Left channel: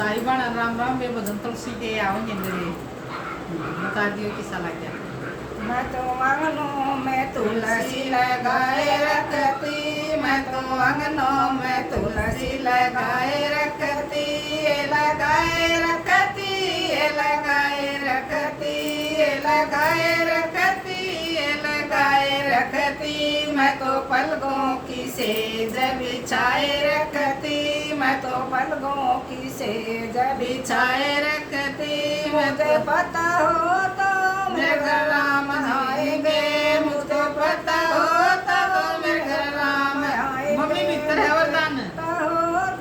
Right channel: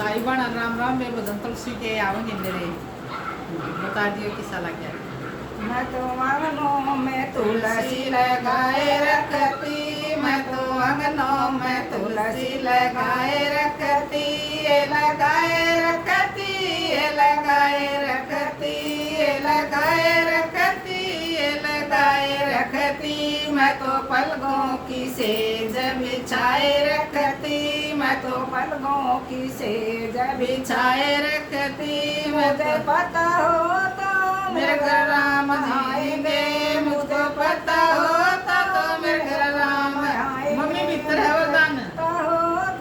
साहिबान राम राम में भजन तुलसी के आओगे मेरे, बता दियो किसा लग गया। मैं तो आंगनों में तुलसी लगाए रखती, मैं तो आंगनों में तुलसी लगाए रखती, लगाए रखती, लगाए रखती, लगाए रखती, लगाए रखती। मैं तो पलकों की सेज बिछाए रखती, मैं तो पलकों की सेज बिछाए रखती। मुझे पता हो तो मेरे घर राम आएंगे, मुझको पता होता तो मेरे घर राम आएंगे। मम्मी मित्र है वरदान हो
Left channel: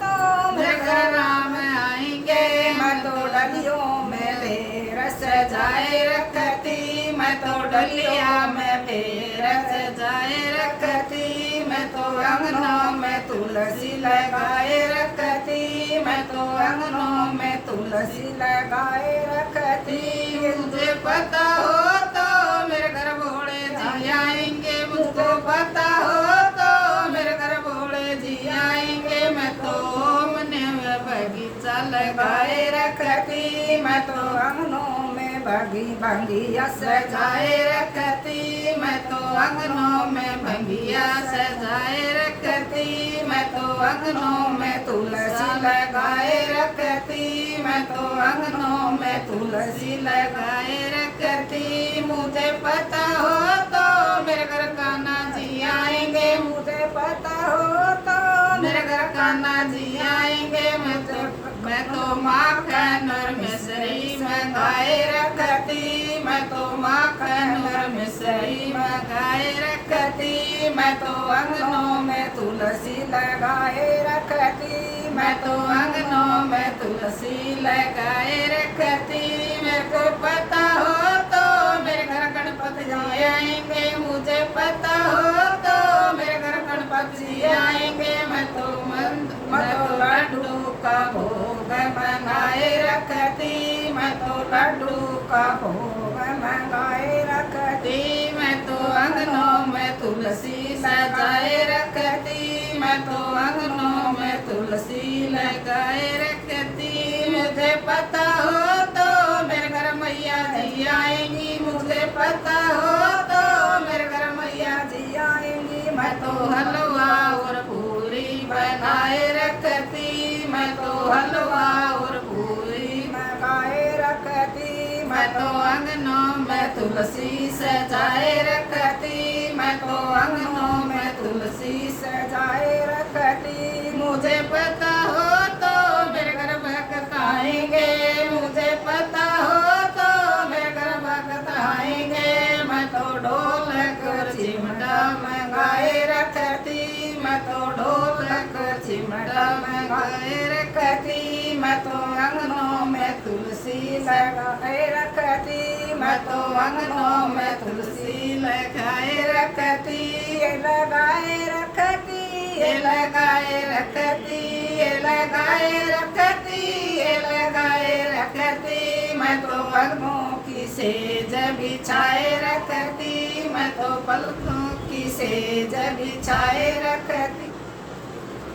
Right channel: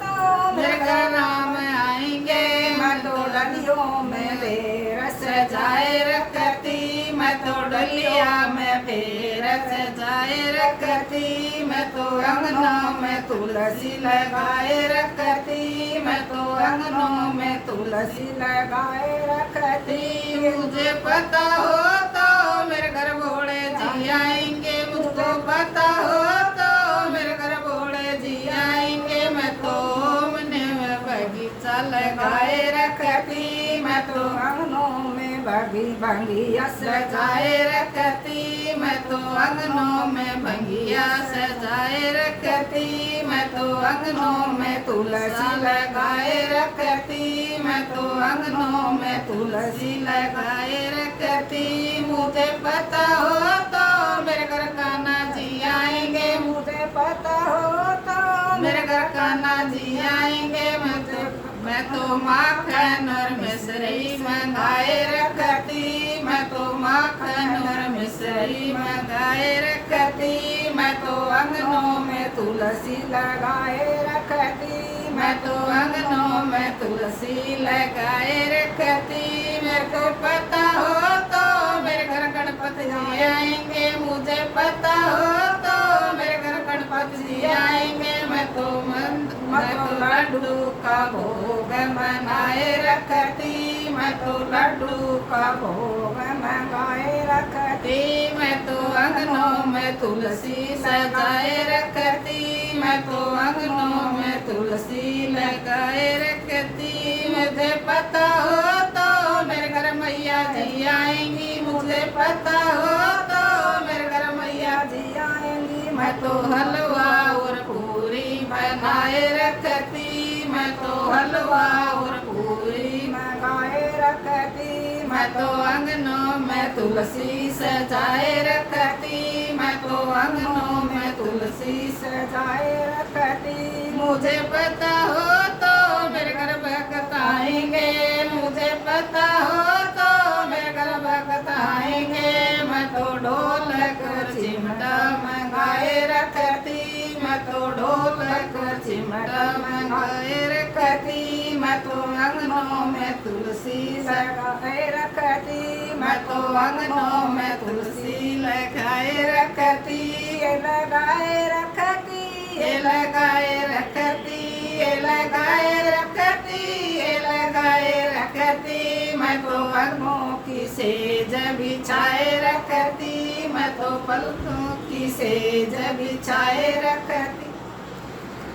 तो मेरे घर राम आएंगे। मैं तो डलियों में बेर सजाए रखती, मैं तो डलिया में बेर सजाए रखती। मैं तो अंगनों में तुलसी लगाए रखती, मैं तो अंगनों में तुलसी लगाए रखती। मुझे पता हो तो मेरे घर भोले जी आएंगे, मुझको पता हो तो मेरे घर भोले जी आएंगे। मैं तो अपने बगीचा लगाए रखती, मैं तो आंगनों में बगिया सजाए रखती, मैं तो आंगनों में बगिया सजाए रखती। मैं तो आंगनों में तुलसी लगाए रखती, मैं तो आंगनों में तुलसी लगाए रखती। मुझे पता हो तो मेरे घर कान्हा जी आएंगे, मुझे पता हो तो मेरे घर कान्हा जी आएंगे। मैं तो माखन और मिश्री मंगाए रखती, मैं तो माखन और मिश्री मंगाए रखती। मैं तो अंगनों में तुलसी लगाए रखती, मैं तो अंगनों में तुलसी लगाए रखती। मेरे को पता हो तो मेरे घर गणपति जी आएंगे, मुझे पता हो तो मेरे घर गणपति जी आएंगे। मैं तो लड्डू का भोग बनाए रखती, मैं तो लड्डू का भोग बनाए रखती। मैं तो अंगनों में तुलसी सजाए रखती, मैं तो अंगनों में तुलसी लगाए रखती। मुझे पता हो तो मेरे घर मैया जी आएंगी, मुझे पता हो तो मेरे घर मैया जी आएंगी। मैं तो हलवा और पूरी बनाए रखती, मैं तो हलवा और पूरी बनाए रखती। मैं तो अंगनों में तुलसी सजाए रखती, मैं तो अंगनों में तुलसी सजाए रखती। मुझे पता हो तो मेरे घर भक्त आएंगे, मुझे पता हो तो मेरे घर भक्त आएंगे। मैं तो ढोलक और चिमटा मंगाए रखती, मैं तो ढोलक और चिमटा मंगाए रखती। मैं तो अंगनों में तुलसी लगाए रखती, मैं तो अंगनों में तुलसी लगाए रखती, लगाए रखती, लगाए रखती, लगाए रखती, लगाए रखती। मैं तो पलकों की सेज बिछाए रखती, मैं तो पलकों की सेज बिछाए रखती।